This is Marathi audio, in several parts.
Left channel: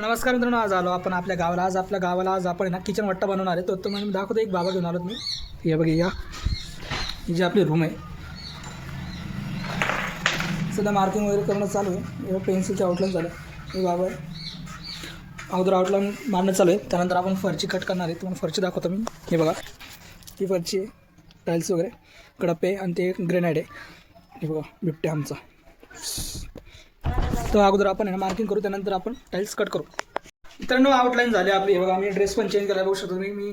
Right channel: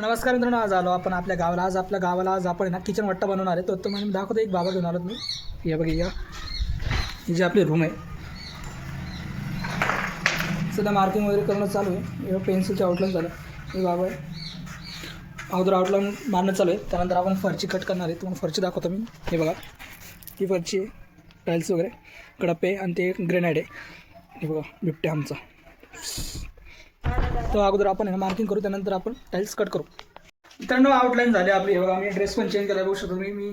नमस्कार मित्रांनो, आज आलो आपण आपल्या गावाला. आपल्या गावाला आपण ना किचन वाट्टा बनवणार आहे. तो मी दाखवतो. एक बाबा घेऊन आलो मी. हे बघा, ही जी आपली रूम आहे, सध्या मार्किंग वगैरे करणं चालू आहे. हे पेन्सिलचे आउटलाईन झालं. हे बाबा अगोदर आउटलाईन मारणं चालू आहे. त्यानंतर आपण फरची कट करणार आहे. तुम्हाला फरची दाखवतो मी. हे बघा, ही फरची आहे, टाईल्स वगैरे, कडप्पे आणि ते ग्रेनाईड आहे. हे बघा, बिबट्या आमचा. तर अगोदर आपण आहे ना मार्किंग करू, त्यानंतर आपण टाईल्स कट करू. मित्रांनो, आउटलाईन झाली आपली. हे बघा, मी ड्रेस पण चेंज केला. बघू शकतो मी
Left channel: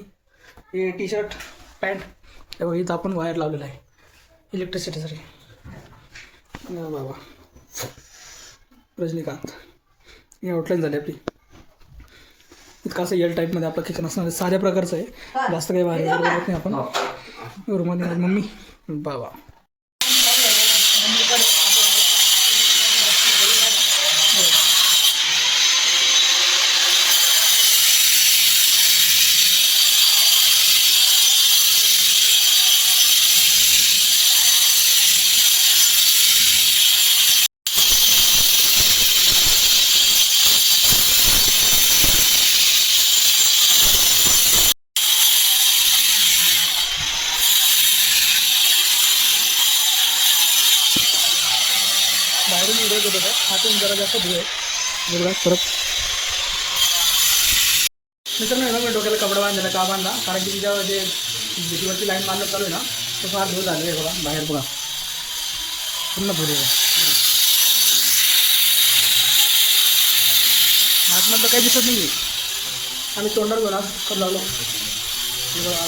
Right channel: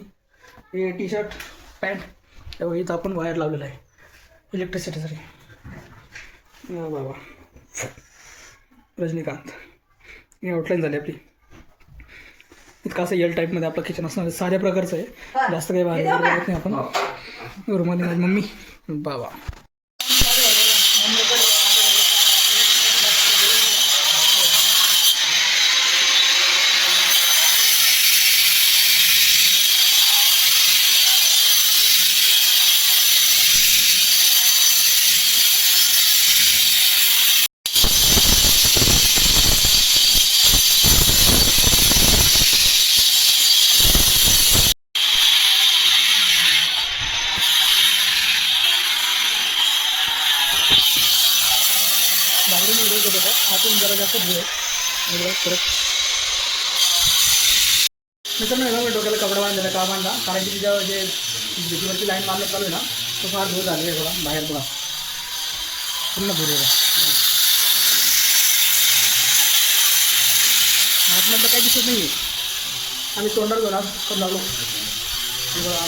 हे टी शर्ट पॅन्ट. हे बघा, इथं आपण वायर लावलेला आहे इलेक्ट्रिसिटीसाठी. बाबा रजनीकांत. ही आउटलाईन झाली आपली. इतकं असं एल टाईपमध्ये आपलं किचन असणार आहे. साऱ्या प्रकारचं आहे, जास्त काही वायर वगैरे करत नाही आपण. रुमाली माझी मम्मी. बाबा बाहेरून व्हिडिओ घेत होता. आतून जरा जास्त धुळे बघा फरक. मित्रांनो, हे मी डोक्याला कपडा बांधलेला. का बांधला? कारण की तिच्या जे भीतीवरची लाईन मारणं चालू आहे ना, तो फार धूळ झालेला आहे. बघा बाहेर बघा, पूर्ण धूळ आहे. आतमधलं काही दिसत नाही. आम्ही तोंडावर घेऊन आज लागलो. हे बघा,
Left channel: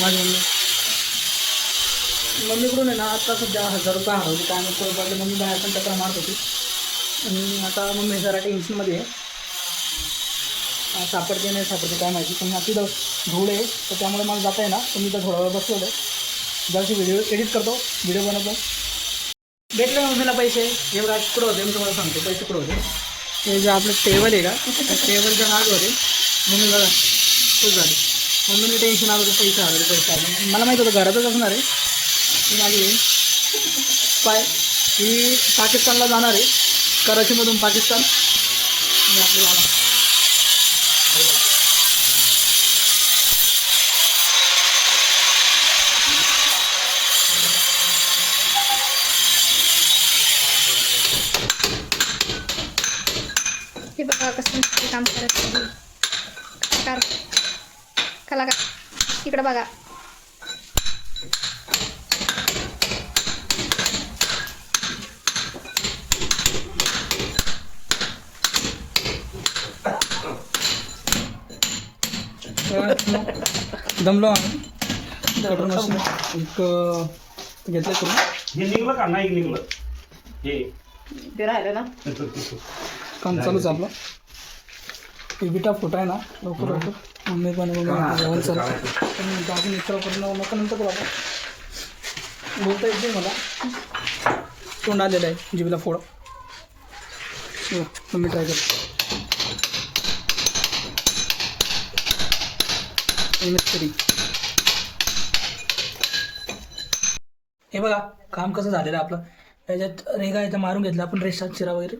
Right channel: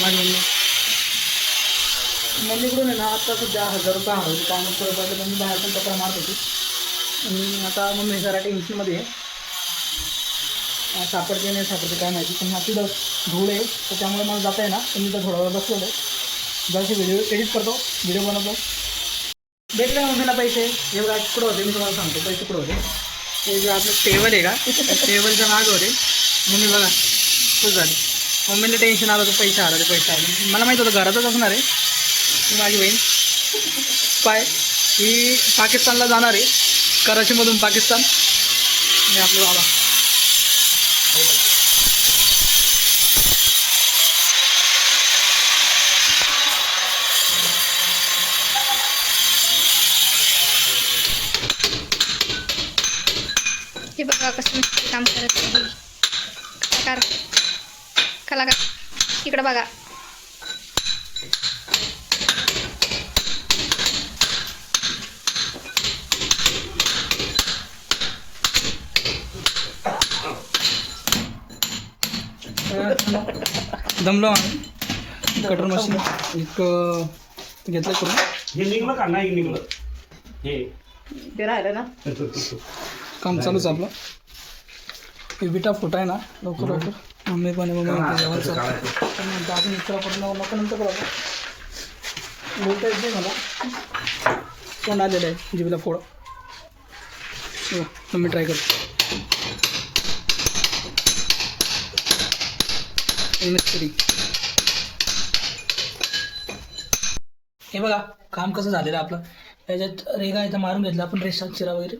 माझी मम्मीकडून आहे ना आता सध्या 1000 रुपये हरवले. त्यामुळे पहिले मम्मी बाहेर पण चक्र मारत होती. आणि आता मम्मी जरा टेन्शनमध्ये आहे. सापडते नाही सापडते काय माहिती. पण तिथं धूळ आहे, तर त्यामुळे मला जाता आहे ना. तर मी तर थोडा वेळ बसवलं आहे. जराशी व्हिडिओ एडिट करतो, व्हिडिओ बनवतो. भेटले मम्मीला पैसे. हे बघा कुठं होते, मी तुम्हाला सांगतो पैसे कुठं होते. हे जे आपलं टेबल आहे का, टेबलच्या मागं होते. मम्मी बघा खूप झाली. मम्मीला टेन्शन आलं, तर पैसे आले. मला माहीत होतं घरातच असणार आहे. ही माझी बहीण ही पाकिस्तानला जाणार आहे, कराचीमधून पाकिस्तान. मी आपले बाबा. हे बघा कसं काम करत आहे कलाकार. इकडं बघा. दमलो आम्ही. कटर मशीन एक घेतलं करून. हे निघलं का नाही निघलं हे ते राहिलं ना, काम चालूच आपलं. हे विटा फुटा आहे ना, लवकर लवकर. मम्मी पण जेवण चालू. अजून मित्रापर्यंत मग नंतर करू आपण. बोलता येत नाही मला, तोंड आलेलं आहे जिभेला फोड. मम्मी ट्राय करतो. हे बघा काम कसं झालेलं आहे आपलं. त्याच्यात रेगा इथं मारून घेतला आपण, रेषा चिरा वगैरे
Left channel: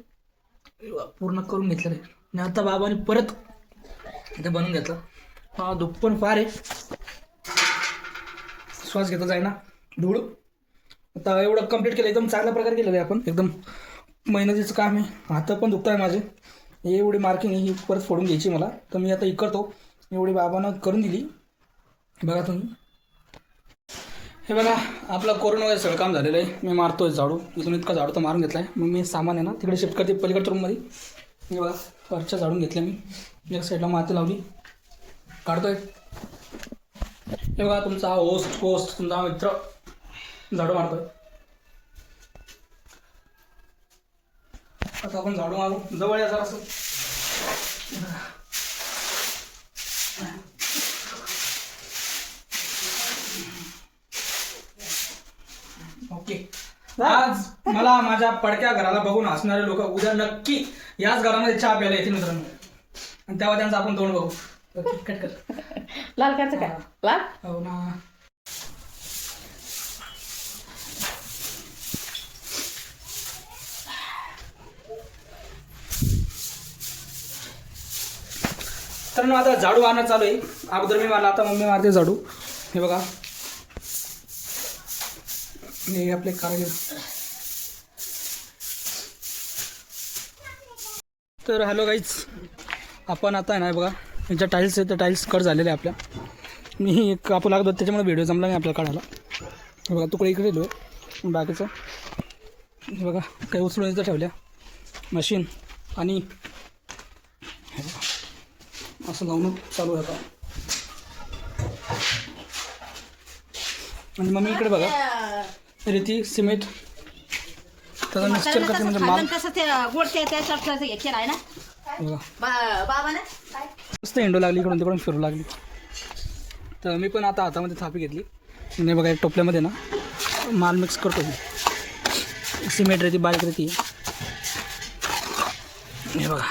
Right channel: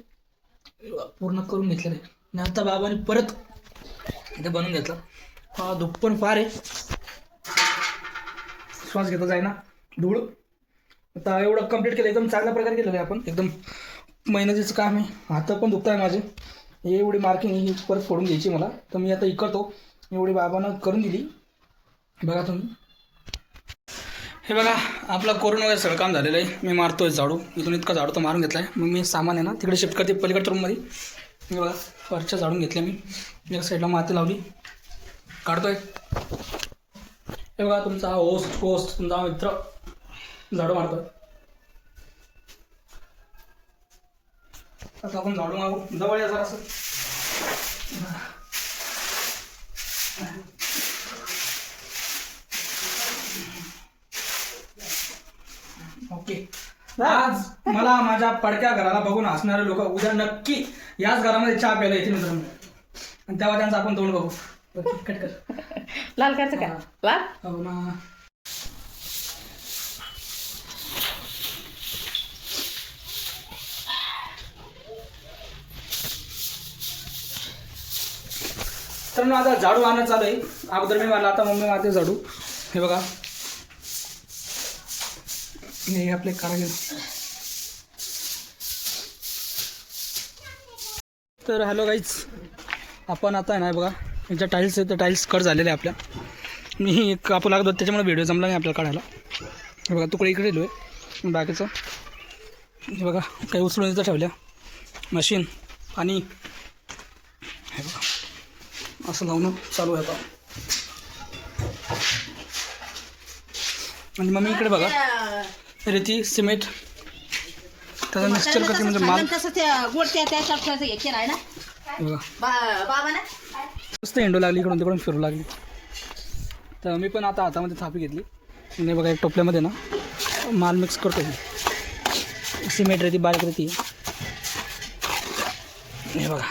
पूर्ण करून घेतलं आहे. आणि आता बाबाने परत इथे बनवून घेतलं. हा धूप पण फार आहे, श्वास घेता जाय ना धूळ. आता एवढं कंप्लीट केलं, एकदम चांगल्या प्रकारे केलेलं आहे आपण. एकदम मेहनतीचं काम आहे. हात पण दुखत आहे माझे. एवढी मार्किंग ही परत फोडून घ्यायची मला, तर मी आता करतो. एवढी बाबानं करून दिली. बघा तुम्ही, हे बघा आपलं कोरोना वगैरे सगळं काम झालेलं आहे. मी मारतोय झाडू. इथून इतका झाडू तर मारून घेतला आहे. मग मी सामान आहे ना तिकडे शिफ्ट करते पलीकडच्या रूममध्ये. हे बघा वरच्या झाडून घेतल्या मी. एक साईडला माती लावली, काढतोय. हे बघा तुमचा हा होस्ट तुमचा हा मित्र झाडू मारतोय. आता आपण झाडू मारू. जवळ या जरा असं. ओके. आज मला माझ्या पडक्या घराला बघून हसणारे लोक उद्या नक्की याच घरामध्ये चहा प्यायला येतील मित्रांनो. आणि तेव्हा त्यांचं आपण तोंड बघू. कट कर. लाल करायचं का? लाल हो ना. तर आता झाडू मारणं चालू आहे. अगोदर मी मारला, आता मम्मी मारते झाडू. हे बघा, हे आपले कारागीर. तर हॅलो गाईज, आपण आता आहे ना बघा, ज्या टाईल्स आहेत त्या टाईल्स कट झालेल्या आहे आपल्या. मी कापू लागत होतो त्याच्यामुळे व्हिडिओ जमला नाही आपल्याला काढायला. हे बघा तुकडे इकडे दिलो आहे बाकीचं. हे बघा काही उचलून इथं ठेवल्या मशीन. आणि हे बघा असं लावून चालू आहे आता. आणि मम्मी इकडे बघा रेती सिमेंट त्याचा मिक्सचर करते म्हणजे माल. कसं ते गोडच्या त्याच्यात हे केलं आहे ना बघा बाबा ना मस्त हिंडू लागली, इकडून तिकडून फिरू लागली. तर मी पण आता हातामध्ये थापी घेतली आणि बघा एक टोपल्यामध्ये ना माल मिक्स करतो. सिमेंट रेती बारीक रेती. हे बघा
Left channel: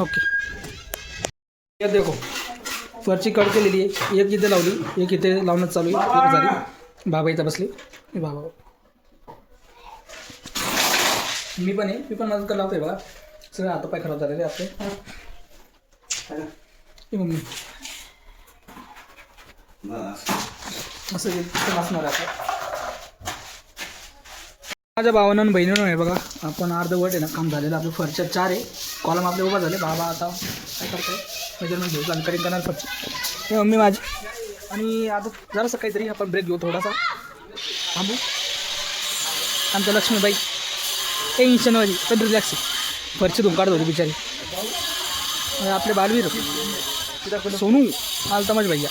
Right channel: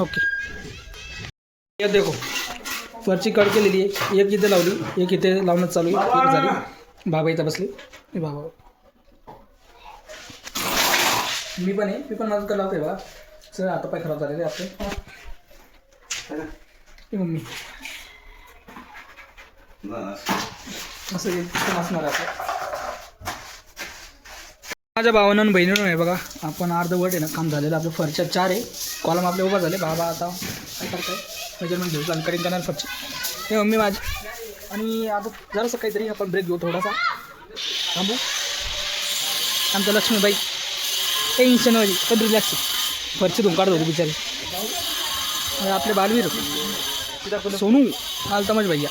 ओके. या देखो वरची कट केलेली आहे. एक इथे लावली, एक इथे लावणं चालू आहे. एक झाली, बाबा इथं बसली. हे बाबा मी पण आहे, मी पण मदत कर लावतोय बघा. सगळं हातपाय खराब झालेले आपले. हे मम्मी असं एकदम असणार आहे आपलं. माझ्या भावानं आणि बहिणीनं आहे बघा, आपण अर्धवट आहे ना काम झालेलं आपलं. फरच्या 4 आहे कॉलम आपले उभा झाले. बाबा आता काय करताय मेजरमेंट घेऊ, जानकारी करणार फरची. हे मम्मी माझी. आणि आता जरासं काहीतरी आपण ब्रेक घेऊ, थोडासा थांबू. आमच्या लक्ष्मीबाई टेन्शनवाली पण रिलॅक्स आहे. फरची धुवून काढत होती बिचारी. आणि आपले बालवीर सोनू आलता माझ्या भैया.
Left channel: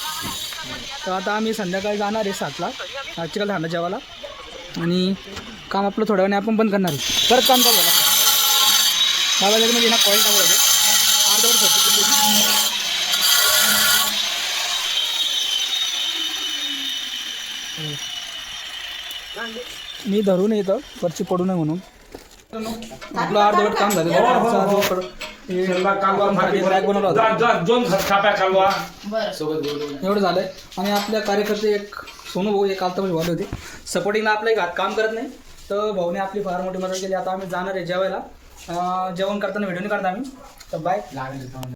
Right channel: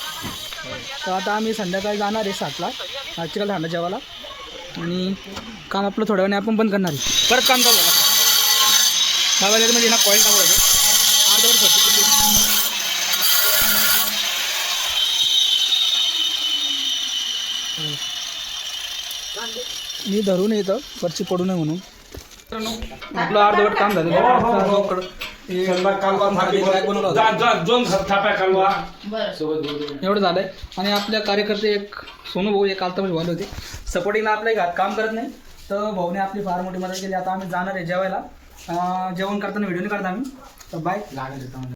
तर आता आम्ही संध्याकाळी जाणार आहे 7ला चिकल ठाणं जेवायला. आणि काम आपलं थोड्या वेळाने आपण बंद करणार आहे. परत काम चालू झालं बाबामध्ये ना कॉईल टाकू अर्धवट मी धरून येतं वरची पडू नये म्हणून. आपलं अर्धवट काम झालेलं एवढं झालंय. आणि आपल्या कार्यकर्ते एक सोनू भाऊ एक आलता म्हणजे होते सपोर्टिंगला. आपल्या घरात काम करत नाही तर भाऊने आपली फार मोठी मदत केली. आता आम्ही जाणार आहे जेवायला. जेवण करताना व्हिडिओ नाही काढता आम्ही. तर बाय.